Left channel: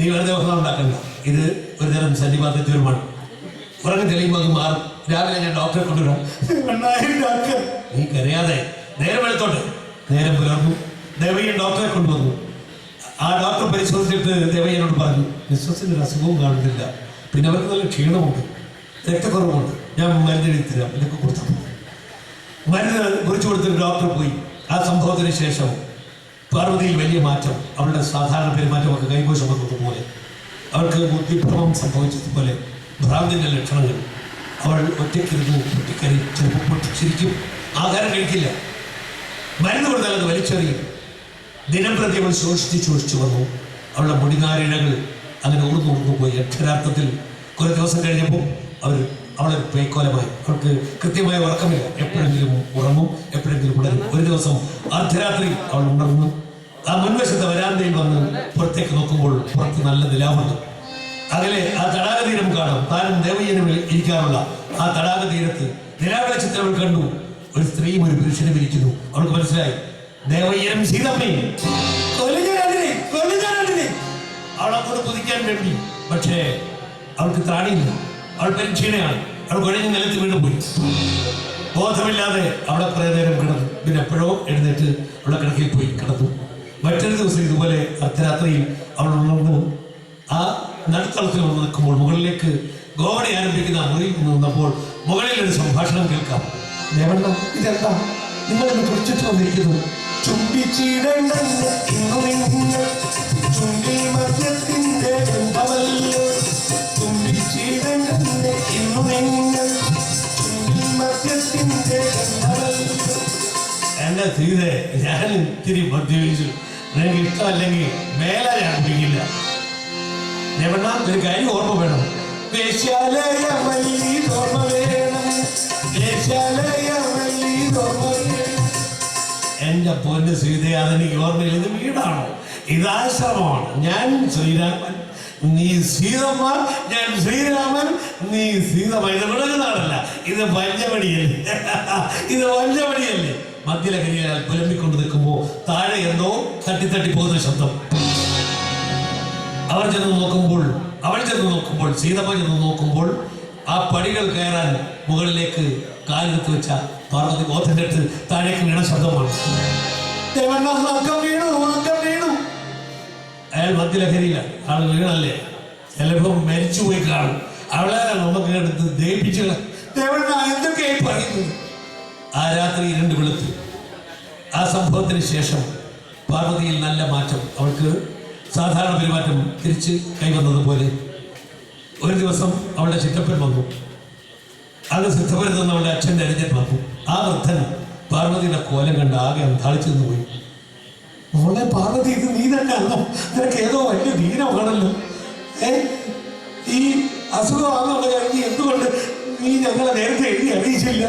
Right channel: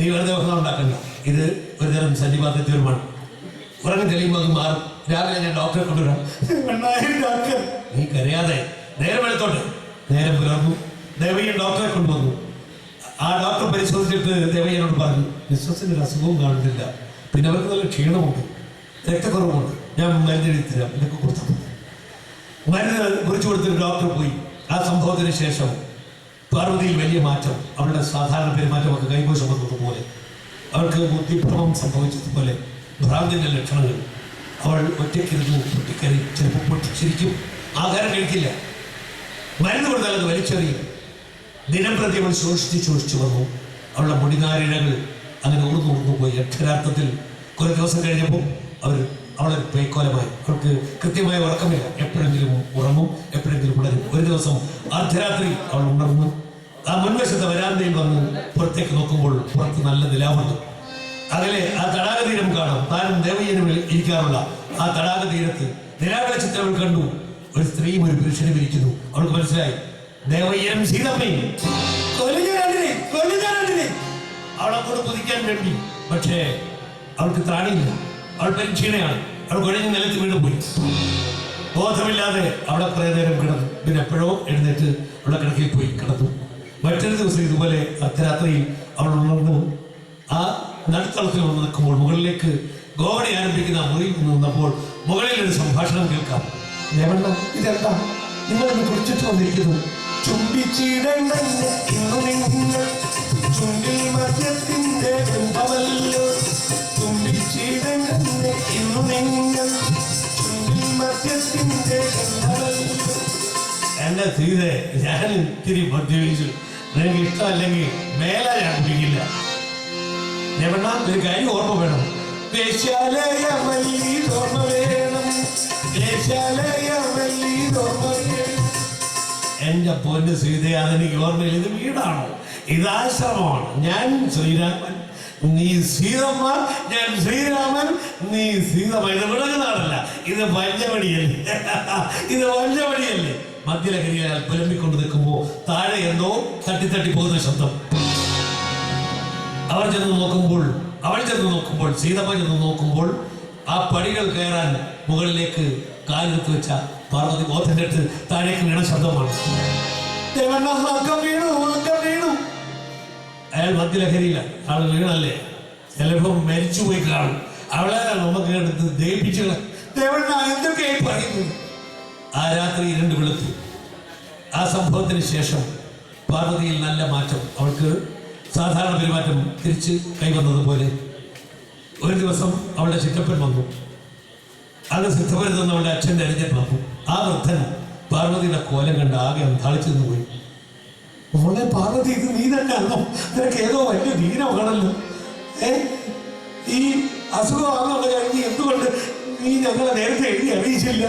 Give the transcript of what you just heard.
നീ വെറുതെ ഉറങ്ങാൻ ഉണ്ടാക്കണ്ട. ഇത് ഒരു തരം സന്നിപാതത്വമാണ്. ഉറങ്ങി തെളിയുമ്പോൾ അത് മാറും. രാവിലെ ഞാൻ ഡോക്ടറെ കൊണ്ടുവരാം. നീ കരയാതെ നേരം എടുത്തോട്ടെ. നേരം പുലർന്നു. ദേവയ്യൻ ഡോക്ടറെ കൊണ്ടുവന്നു. ആ ഡോക്ടർ പരിശോധിച്ചിട്ട് ദേവയ്യനോട് പറഞ്ഞു, മിസ്സസിന് ഒരു അസുഖവും കാണുന്നില്ല, പിന്നെ അവർക്ക് നല്ല ക്ഷീണമുണ്ട്, രക്തക്കുറവുണ്ട്, ഞാൻ മരുന്ന് എഴുതി തരാം, ഇതൊക്കെ കൊടുത്താൽ മരുന്ന് കുറിച്ച് കൊടുത്തൊരു ഡോക്ടർ പോയി. ആ സംഭവത്തിന് ശേഷം പാർവതിയിൽ വലിയ മാറ്റം. അവളുടെ സാധാരണ പെരുമാറ്റമൊക്കെ കൈകോശം വന്നതുപോലെ, അവൾക്ക് ബുദ്ധിഭ്രമം സംഭവിച്ചതുപോലെ ഭ്രാന്തിൻ്റെ ലക്ഷണങ്ങൾ. അവൾ ഒറ്റയ്ക്കിരുന്ന് പൊട്ടിക്കറി, ചിലപ്പോൾ പൊട്ടിച്ചിരിക്കും, ആഹാരം കഴിക്കില്ല, മരുന്ന് കൊടുത്താൽ അത് വലിച്ചെറിയും. ദിനം പ്രതി അവൾ ശോഷിച്ചു വന്നു. അവളുടെ മുടിനാരിഴകൾ അങ്ങനെ ഊർന്നു പോയി. അക്ഷരാർത്ഥത്തിൽ കുറേ ദിവസം കഴിഞ്ഞപ്പോൾ അവളൊരു പേക്കോലമായി. അവൾക്ക് കൃത്യമായ ഉറക്കമില്ല. എപ്പോഴെങ്കിലും ഉറങ്ങും, എപ്പോഴെങ്കിലും ഉണരും. ഒരു ദിവസം അർദ്ധരാത്രി അവൾ ഉണർന്നു. ആ മുൻവശത്തെ വരാന്തയിൽ വന്ന് പുറത്തേക്ക് നോക്കുമ്പോൾ പുറത്ത് നല്ല നിലാവുണ്ട്. അകലെ ആ തടാക തീരം കാണാം. താനും ദേവയ്യനും ഇരിക്കാറുള്ള ആ തടാക തീരത്ത് നിലാവെളിച്ചത്തിൽ അവൾ കണ്ടു ഒരു സ്ത്രീയും ഒരു പുരുഷനും ഇരിക്കുന്നു. അവൾക്ക് മനസ്സിലായി, ദേവയ്യനും സീതമ്മയും. അവൾ അങ്ങോട്ട് കുതിക്കാൻ വേണ്ടി, പക്ഷേ അവൾക്ക് ത്രാണിയില്ല. അവൾ പരീക്ഷീണയാണ്. അവൾ കുഴഞ്ഞ് നിലത്ത് വീണ് പോയി. ബോധമില്ലാതെ അവളെ കുറേ നേരം കിടന്നു. പിന്നെ എപ്പോഴോ എഴുന്നേറ്റ് അവളെ കിടക്കിൽ പോയി കിടന്നു. മറ്റൊരു ദിവസം ഇതുപോലെ അർദ്ധരാത്രിയിൽ അവൾ ഉണർന്നു ആ നടുത്തളത്തിൽ വന്ന് നിൽക്കുമ്പോൾ മുകളിലേക്ക് ഗോവണി ആരംഭിക്കുന്ന മുറിയിൽ നിന്നപ്പോൾ മുകളിൽ ഒരു സംഭാഷണം കേൾക്കാം. ദേവണ്ണം, ഇതെന്താ നിങ്ങളൊന്ന് കുറിച്ചിട്ട് വന്നിരിക്കുന്നു? എന്റെ സീതെ, ഞാൻ ഇത്തിരി മദ്യപിച്ചു. നിനക്ക് ഇഷ്ടമല്ലെങ്കിൽ മേല ഞാൻ കുടിക്കില്ല. ദേവണ്ണ, ഒരു കാര്യം ഓർമ്മ വേണം. എന്റെ പൊന്ന് സീത, അതെനിക്ക് ഓർമ്മയില്ല. ഇത് വീടാണോ? ഇത് ആശ്രമമാണ്. ഞാൻ ശ്രീരാമൻ, നീ സീതമ്മ. ഞാൻ ശ്രീരാമൻ, നീ സീതമ്മ. ഇത് വിളകുന്നാണല്ല, ഇത് വഞ്ചമണിയല്ലേ. ഇത് വഞ്ചമണിയല്ലേ. മധ്യലഹരിയാൽ പുലമ്പിക്കൊണ്ട് നിൽക്കുമ്പോൾ താഴെ എന്തോ തട്ടി പോകുന്ന ശബ്ദം. അവൾ ചെന്ന് നോക്കുമ്പോൾ സീതമ്മ ചെന്ന് നോക്കുമ്പോൾ ആ പടികൾ കയറാൻ മുകളിലേക്ക് കാലെടുത്ത് വെച്ച പാർവതി ബോധം കെട്ട് താഴേക്ക് വീണ ശബ്ദമാണ്. അയാൾ മധ്യലഹരിയിലാണ്. ആൾ വീണല്ലേ, ചിലപ്പോൾ മരിച്ചുപോയി കാണും. അവളെ നമുക്ക് എടുത്ത് ദയിപ്പിച്ചു. എന്തൊക്കെയായി പറയുന്നത്? ആ രാത്രി ഇരുണ്ട് വെളുത്തു. ആ സംഭവത്തിന് ശേഷം പാർവതിയിൽ നല്ല മാറ്റം. അവൾക്ക് സാധാരണ പെരുമാറ്റം തിരിച്ച് കൈവന്നതുപോലെ. ഒരു ദിവസം അവളുടെ ചിറ്റപ്പൻ വന്നു. അത് സിദ്ധപരുതെന്ന് അവളുടെ അച്ഛൻ്റെ അനുജൻ വന്നു. ആ വൃദ്ധൻ പാർവതിയുടെ കോലം കണ്ട് ആകെ അന്താളിച്ചു നിന്ന് പോയി. മോളെ പാർവതി, ഇത് നീ തന്നെയാണോ? നിനക്ക് ഏതോ വലിയ ദീനമാണല്ലോ. ഈ അസുഖമാണെന്നുള്ള കാര്യം എന്തുകൊണ്ട് നീ ഞങ്ങളെ നേരത്തെ എഴുതി അറിയിച്ചില്ല?